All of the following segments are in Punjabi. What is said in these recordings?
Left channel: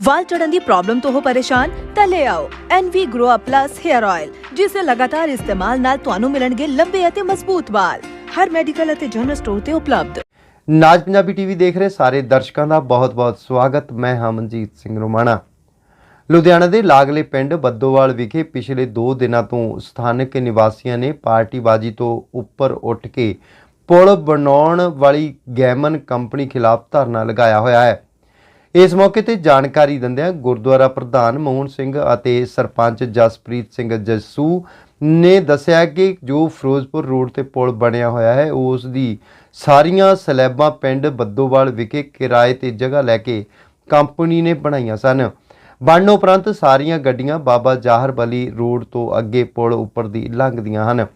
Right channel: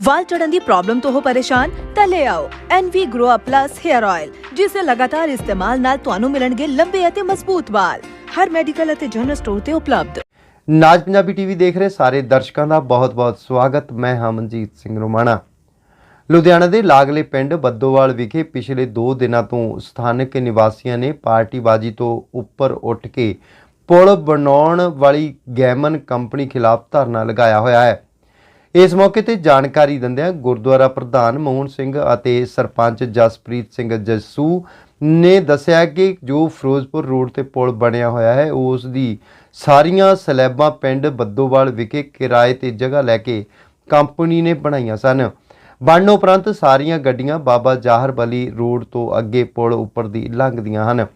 ਵਾਲ ਚੜਨ ਦੀ ਪ੍ਰੋਬਲਮ ਤੋਂ ਹੋ ਪਰੇਸ਼ਾਨ, ਤਾਂ ਲੈ ਆਓ NV Grow Up Plus Hair Oil ਜਿਸ ਦੇ ਲਗਾਤਾਰ ਇਸਤੇਮਾਲ ਨਾਲ ਤੁਹਾਨੂੰ ਮਿਲਣਗੇ ਲੰਬੇ ਅਤੇ ਮਜ਼ਬੂਤ ਵਾਲ। ਹਰ ਮੈਡੀਕਲ ਅਤੇ ਜਨਰਲ ਸਟੋਰ ਤੇ ਉਪਲਬਧ। ਨਾਜ ਪੰਜਾਬੀ ਟੀਵੀ ਦੇਖ ਰਹੇ ਸਾਰੇ ਦਰਸ਼ਕਾਂ ਦਾ ਬਹੁਤ-ਬਹੁਤ ਸਵਾਗਤ। ਮੈਂ ਹਾਂ ਮਨਜੀਤ ਸਿੰਘ ਰੋਮਾਣਾ। ਲੁਧਿਆਣਾ ਦੇ ਲਾਗਲੇ ਪਿੰਡ ਬੱਦੋਵਾਲ ਵਿਖੇ ਪਿਛਲੇ 2 ਦਿਨਾਂ ਤੋਂ ਸਥਾਨਕ ਨਿਵਾਸੀਆਂ ਨੇ ਪਾਰਟੀਬਾਜ਼ੀ ਤੋਂ ਉੱਪਰ ਉੱਠ ਕੇ ਪੁਲ ਬਣਾਉਣ ਵਾਲੀ ਗੈਮਨ ਕੰਪਨੀ ਖਿਲਾਫ ਧਰਨਾ ਲਗਾਇਆ ਹੋਇਆ ਹੈ। ਇਸ ਮੌਕੇ ਤੇ ਜਾਣਕਾਰੀ ਦਿੰਦਿਆਂ ਗੁਰਦੁਆਰਾ ਪ੍ਰਧਾਨ ਮੋਹਨ ਸਿੰਘ ਅਤੇ ਸਰਪੰਚ ਜਸਪ੍ਰੀਤ ਸਿੰਘ ਜੱਸੂ ਨੇ ਦੱਸਿਆ ਕਿ ਜੋ ਫਿਰੋਜ਼ਪੁਰ ਰੋਡ ਤੇ ਪੁਲ ਬਣਿਆ ਹੋਇਆ ਹੈ, ਉਸ ਦੀ ਸਾਰੀਆਂ ਸਲੈਬਾਂ ਪਿੰਡ ਬੱਦੋਵਾਲ ਵਿਖੇ ਕਿਰਾਏ ਤੇ ਜਗ੍ਹਾ ਲੈ ਕੇ ਕੰਪਨੀ ਨੇ ਬਣਾਈਆਂ ਸਨ। ਬਣਨ ਉਪਰੰਤ ਸਾਰੀਆਂ ਗੱਡੀਆਂ ਬਾਬਾ ਜਾਹਰ ਬਲੀ ਰੋਡ ਤੋਂ ਅੱਗੇ ਪੁਲ ਉੱਪਰ ਦੀ ਲੰਘਦੀਆਂ ਹਨ।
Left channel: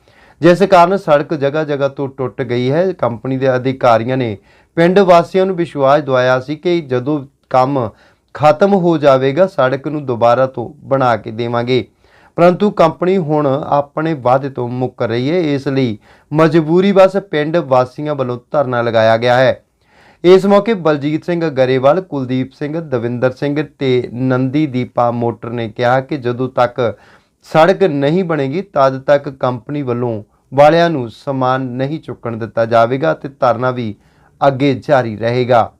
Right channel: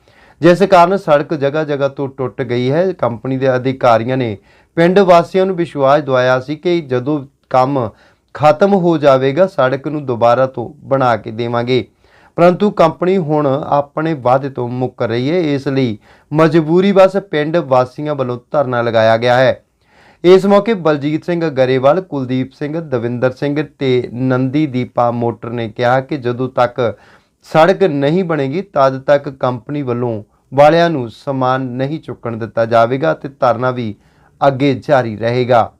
ਜਿਸ ਕਾਰਨ ਸੜਕ ਜਗ੍ਹਾ ਜਗ੍ਹਾ ਤੋਂ ਟੁੱਟ ਗਈ ਹੈ। ਕੰਪਨੀ ਦੇ ਅਧਿਕਾਰੀਆਂ ਨੇ ਪਿੰਡ ਵਾਸੀਆਂ ਨੂੰ ਵਿਸ਼ਵਾਸ ਦਿਵਾਇਆ ਸੀ ਕਿ ਜਦੋਂ ਕੰਮ ਖਤਮ ਹੋ ਜਾਵੇਗਾ, ਸੜਕ ਨੂੰ ਦੁਬਾਰਾ ਤੋਂ ਬਣਾ ਕੇ ਦੇਵਾਂਗੇ। ਪਰੰਤੂ ਕੰਪਨੀ ਹੁਣ ਆਪਣੇ ਵਾਅਦੇ ਤੋਂ ਮੁੱਕਰ ਰਹੀ ਹੈ। ਇਸ ਲਈ ਮਜਬੂਰੀ ਬਸ ਪਿੰਡ ਵਾਸੀਆਂ ਵੱਲੋਂ ਧਰਨਾ ਲਗਾਇਆ ਗਿਆ ਹੈ। ਇਸ ਮੌਕੇ ਬਲਜੀਤ ਸਿੰਘ ਗਰੇਵਾਲ, ਕੁਲਦੀਪ ਸਿੰਘ, ਦਵਿੰਦਰ ਸਿੰਘ ਤੇ ਨੰਦੀ ਦੀਪਾ ਮੋਟਰ ਨੇ ਕਿਹਾ ਕਿ ਜਦੋਂ ਤੱਕ ਸੜਕ ਨਹੀਂ ਬਣੇਗੀ, ਤਦ ਤੱਕ ਕੰਪਨੀ ਵੱਲੋਂ ਵਾਲਿਆਂ ਨੂੰ ਸਮਾਨ ਨਹੀਂ ਚੁੱਕਣ ਦਿੱਤਾ ਜਾਵੇਗਾ ਤੇ ਧਰਨਾ ਵੀ ਅੱਗੇ ਜਾਰੀ ਰਹੇਗਾ।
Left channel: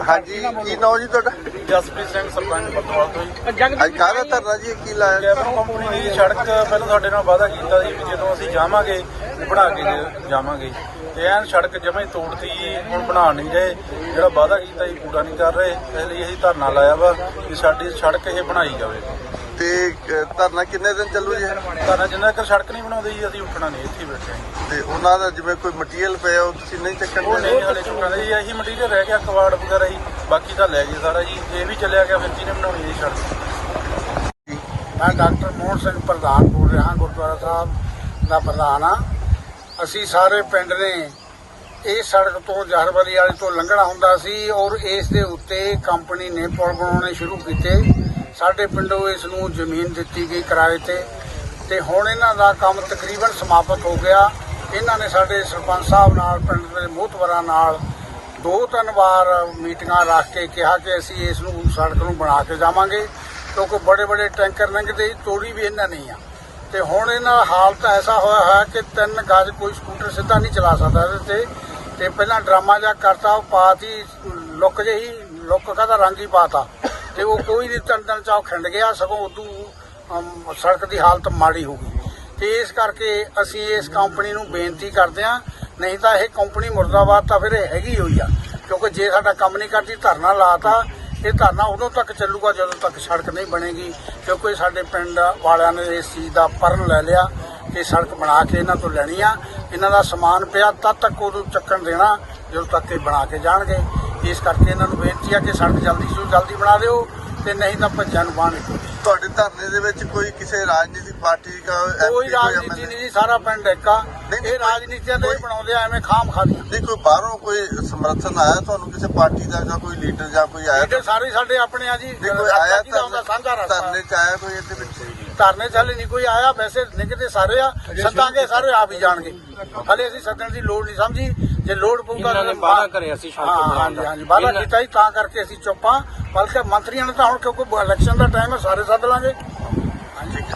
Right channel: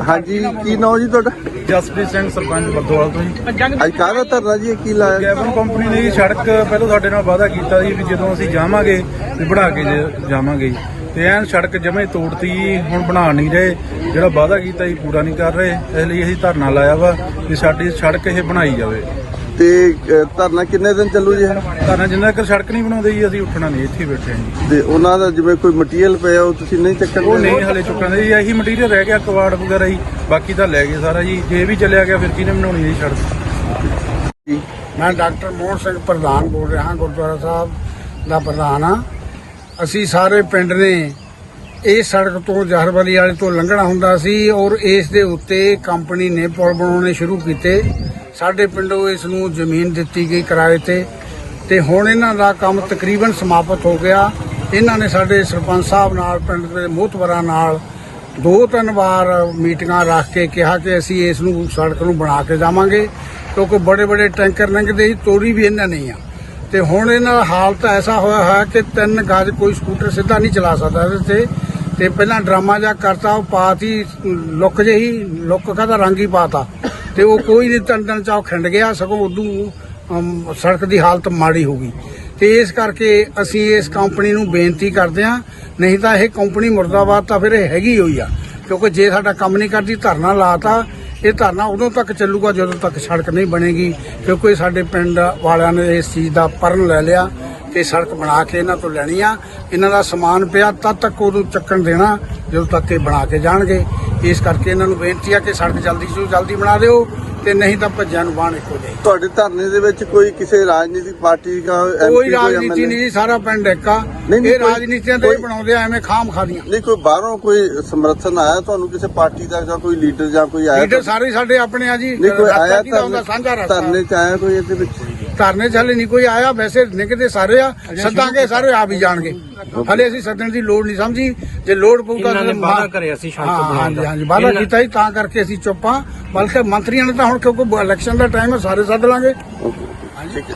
ਹਾਂਜੀ ਕੀ ਨਾਮ ਜੀ ਤੁਹਾਡਾ? ਜਸਪ੍ਰੀਤ ਸਿੰਘ ਸਰਪੰਚ ਬੱਦੋਵਾਲ ਤੋਂ ਜੀ। ਅੱਜ ਕਾਹਦਾ ਧਰਨਾ ਜੀ? ਇਹ ਕੀ ਲਾਇਆ? ਕੈਬਨ ਕੰਪਨੀ ਨੇ ਜੀ ਸੜਕ ਪਹਿਲਾਂ ਸਾਡੇ ਨਾਲ ਵਾਅਦਾ ਕੀਤਾ ਸੀ ਵੀ ਜਦੋਂ ਅਸੀਂ ਜਾਵਾਂਗੇ ਵੀ ਬਣਾ ਕੇ ਜ- ਜਾਵਾਂਗੇ ਜੀ। ਤੇ ਐਨ ਸੜਕ ਜਮੇ ਤੋੜਤੀ ਜੀ ਹੁਣ ਬਣਾ ਨਹੀਂ ਰਹੇ। ਜਿਹੜਾ ਵਾਅਦਾ ਕੀਤਾ ਜੀ ਪੂਰਾ ਨਹੀਂ ਕਰ ਰਹੇ। ਇਸ ਲਈ ਅਸੀਂ ਧਰਨਾ ਲਾਇਆ ਵਾ ਕਿ ਸਾਡੀ ਸੜਕ ਇਹ ਬਣਾਈ ਜਾਵੇ। ਤੇ ਅ, ਧਰਨਾ ਕਿੰਨੇ ਦਿਨ ਚੱਲੂ ਜੀ? ਇਹ? ਧਰਨਾ ਜਿੰਨਾ ਤੱਕ ਸੜਕ ਨਹੀਂ ਬਣਾਉਂਦੇ ਜੀ ਅਸੀਂ ਉੱਠਣਾ ਨਹੀਂ ਇੱਥੇ ਹੀ ਬੈਠੇ ਹਾਂ ਜੀ। ਤੇ ਉਹਨਾਂ ਦਾ ਜਿਵੇਂ ਕੋਈ ਮਟੀਰੀਅਲ ਪਿਆ ਉਹ ਤੁਸੀਂ ਨਹੀਂ ਚੱਕਣ ਉਹ ਨਹੀਂ ਹਲੇ ਚੁੱਕਣ ਦੇ ਜੀ ਇਹੀ ਮਟੀਰੀਅਲ ਰਹਿ ਗਿਆ ਕਵਾੜ ਵਗੈਰਾ ਜੀ ਬਾਕੀ ਤਾਂ ਲੈ ਗਏ ਸਾਰਾ ਜੀ। ਜੇ ਵੀ ਚੱਲਿਆ ਗਿਆ ਫਿਰ ਕਿਹਨੇ ਬਣਾਉਣੀ ਜੀ ਸੜਕ? ਮੈਂ ਡਾਕਟਰ ਮੋਹਨ ਸਿੰਘ ਪ੍ਰਧਾਨ ਬੋਲ ਰਿਹਾ ਹਾਂ ਗੁਰਦੁਆਰਾ ਸਾਹਿਬ ਦਾ ਪ੍ਰਧਾਨ ਹਾਂ। ਅਸੀਂ ਸਾਰੇ ਪਿੰਡ ਨੇ ਇਹ ਸੜਕ ਤੋਂ ਜਹਰਬਲੀ ਵਾਲੇ ਤੋਂ ਲੰਘਣਾ ਹੁੰਦਾ ਸੀ ਔਰ ਇਸ ਦੇ ਉੱਤੇ ਕੰਪਨੀ ਨੇ ਪੁਲ ਬਣਾਉਣੇ ਸ਼ੁਰੂ ਕੀਤੇ। ਸਾਡੇ ਪਿੰਡੋਂ ਇਸ ਨੂੰ ਜ਼ਮੀਨ ਦਿੱਤੀ ਗਈ ਕਿਰਾਏ ਤੇ ਤੇ ਹੁਣ ਇਹਨਾਂ ਦਾ ਕੰਮ ਤਕਰੀਬਨ ਸਮਾਪਤ ਹੋ ਗਿਆ। ਇਹਨਾਂ ਨੇ ਸਾਡੇ ਸਰਪੰਚ ਸਾਹਿਬ ਨਾਲ, ਪਿੰਡ ਦੇ ਮੋਹਤਵਰਾਂ ਨਾਲ ਦੋ ਤਿੰਨ ਵਾਰ ਮੀਟਿੰਗਾਂ ਰੱਖ ਕੇ ਕਿਹਾ ਕਿ ਅਸੀਂ ਇਸ ਨੂੰ ਸੜਕ ਨੂੰ ਬਣਾ ਕੇ ਜਾਵਾਂਗੇ, ਕਿਉਂਕਿ ਬੜੇ ਬੜੇ ਟੈਂਕਰ ਲੰਘਦੇ ਸੀ, ਤੋੜੀ ਵੀ ਇਹਨਾਂ ਨਹੀਂ ਆ। ਤੇ ਹੁਣ ਇਹਨਾਂ ਦਾ ਹਾਲਤ ਐਸਾ ਹੋਇਆ ਹੈ ਕਿ ਤਿੰਨ ਗਜ ਕੋਈ ਸਕੂਟਰ ਸਿੱਧਾ ਨਹੀਂ ਚਲਾ ਸਕਦਾ ਇਹਦੇ ਤੇ। ਤੇ ਪਹਿਲਾਂ ਡਰਾਮਾ ਜਿਹਾ ਕਰਤਾ, ਉਹ ਪਾਤੀ, ਲੁੱਕ ਜਿਹੀ, ਲੁੱਕ ਕਾਹਦਾ ਰੰਗ ਹੀ ਪਾਤਾ। ਤੇ ਉਹ ਕੋਈ ਨਹੀਂ, ਤਿੰਨ ਦਿਨ ਚ ਉਹ ਖਿੰਡ ਗਿਆ, ਸਗੋਂ ਉਦੋਂ ਸੜਕ ਦੀ ਹਾਲਤ ਮਾੜੀ ਹੋ ਗਈ। ਤੇ ਇਸ ਕਰਕੇ ਅਸੀਂ ਇਸ ਕੰਪਨੀ ਨੂੰ ਬੇਨਤੀ ਕਰਦੇ ਹਾਂ, ਨਹੀਂ ਤਾਂ ਇਹ ਕੰਪਨੀ ਮੁਰਦਾਬਾਦ ਤਾਂ ਫਿਰ ਇਹ ਹੈਗੀ ਹੋਈ ਆ, ਕਿਉਂਕਿ ਜੇ ਸਾਡਾ ਕੰਮ ਨਹੀਂ ਕਰਦੀ, ਧਰਨਾ ਲਾਤਾ, ਇਹ ਧਰਨਾ ਉਦੋਂ ਤੱਕ ਚੱਲੂਗਾ ਜਦੋਂ ਤੱਕ ਸੜਕ ਨਹੀਂ ਬਣੇਗੀ, ਕਿਉਂਕਿ ਸਾਡੇ ਪਿੰਡ ਵਾਲਿਆਂ ਨੇ ਇਸ ਚੀਜ਼ ਦਾ ਪਰਨ ਲੈ ਲਿਆ ਕਿ ਸੜਕ ਬਣਾ ਕੇ ਇਹਨਾਂ ਤੋਂ ਲੈਣੀ ਆ। ਇਹਨਾਂ ਦਾ ਸਮਾਨ ਪਿਆ ਤਦ ਤੱਕ ਉਹਨੂੰ ਚੱਕਣ ਦੇਣਾ ਜਦੋਂ ਤੱਕ ਇਹ ਬਣਾ ਕੇ ਜਾਣਗੇ। ਇਸ ਕਰਕੇ ਇਹਨਾਂ ਨੂੰ ਬੇਨਤੀ ਆ ਕਿ ਸੜਕ ਜਲਦੀ ਤੋਂ ਜਲਦੀ ਬਣਾ ਦਿਓ ਤੇ ਨਹੀਂ ਤਾਂ ਭੱਜਾਂ ਨੂੰ ਬਾਣ ਇੱਕੋ ਦੇ ਤੁਹਾਡੇ ਧਰਨੇ ਦੇ ਵਿੱਚ ਕੋਈ ਕਿਸੇ ਰਾਜਨੀਤਿਕ ਪਾਰਟੀ ਦਾ ਕੋਈ ਰਾਜਨੀਤੀ ਨਹੀਂ ਜੀ ਸਾਰਾ ਪਿੰਡ ਇੱਕ ਇਹ ਰਾਜਨੀਤੀਆਂ ਦੇ ਕੋਈ- ਬਣਾਉਂਦੇ ਆ ਐਵੇਂ ਖਾਮ ਖਾਦੀਆਂ। ਨਹੀਂ ਕੋਈ ਬਾਹਰੋਂ ਕੋਈ ਸਮਰਥਨ ਆਇਆ ਤੁਹਾਨੂੰ ਕਿਸੇ ਪਾਰਟੀ ਦਾ ਜਾਂ ਕੋਈ ਲੀਡਰ ਜਾਂ ਕੋਈ ਆਇਆ ਲੀਡਰ ਸਾਰੇ ਸਾਡੇ ਆਪਣੇ ਆ ਜੀ ਨਹੀਂ ਕੋਈ ਆਇਆ ਧਰਨੇ ਚ ਆਇਆ ਕੋਈ ਇਹਦੇ ਵਿੱਚ? ਧਰਨੇ ਚ ਹਲੇ ਨਹੀਂ ਕੋਈ ਆਇਆ ਵੈਸੇ ਨਿਕਦੇ ਸਾਰੇ ਆ ਸੱਦਾਂਗੇ ਸਾਰੇ ਆ ਵੀ ਜਾਣਗੇ। ਹਲੇ ਅਸੀਂ ਸੱਦਣ ਦੀ ਲੋੜ ਨਹੀਂ ਸਮਝੀ ਜੇ ਲੋੜ ਪਊਗਾ ਨੇ ਤਾਂ ਵਾਅਦਾ ਕਰਿਆ ਸੀ ਸੜਕ ਹਾਂ, ਬਣਾਉਣ ਹਾਂਜੀ ਇਹਨਾਂ- ਕੀਤਾ ਸੀ ਤਾਂ ਕਰਕੇ ਅਸੀਂ ਚੁੱਪ ਬਲਕਿ ਮੰਤਰੀਆਂ ਨੇ ਤਾਂ ਹੁਣ ਕਿਉਂਕਿ ਇਲੈਕਸ਼ਨ ਦਾ ਟਾਈਮ ਹੈ ਸਾਰੇ ਸੱਦ ਲਾਂਗੇ। ਹੈ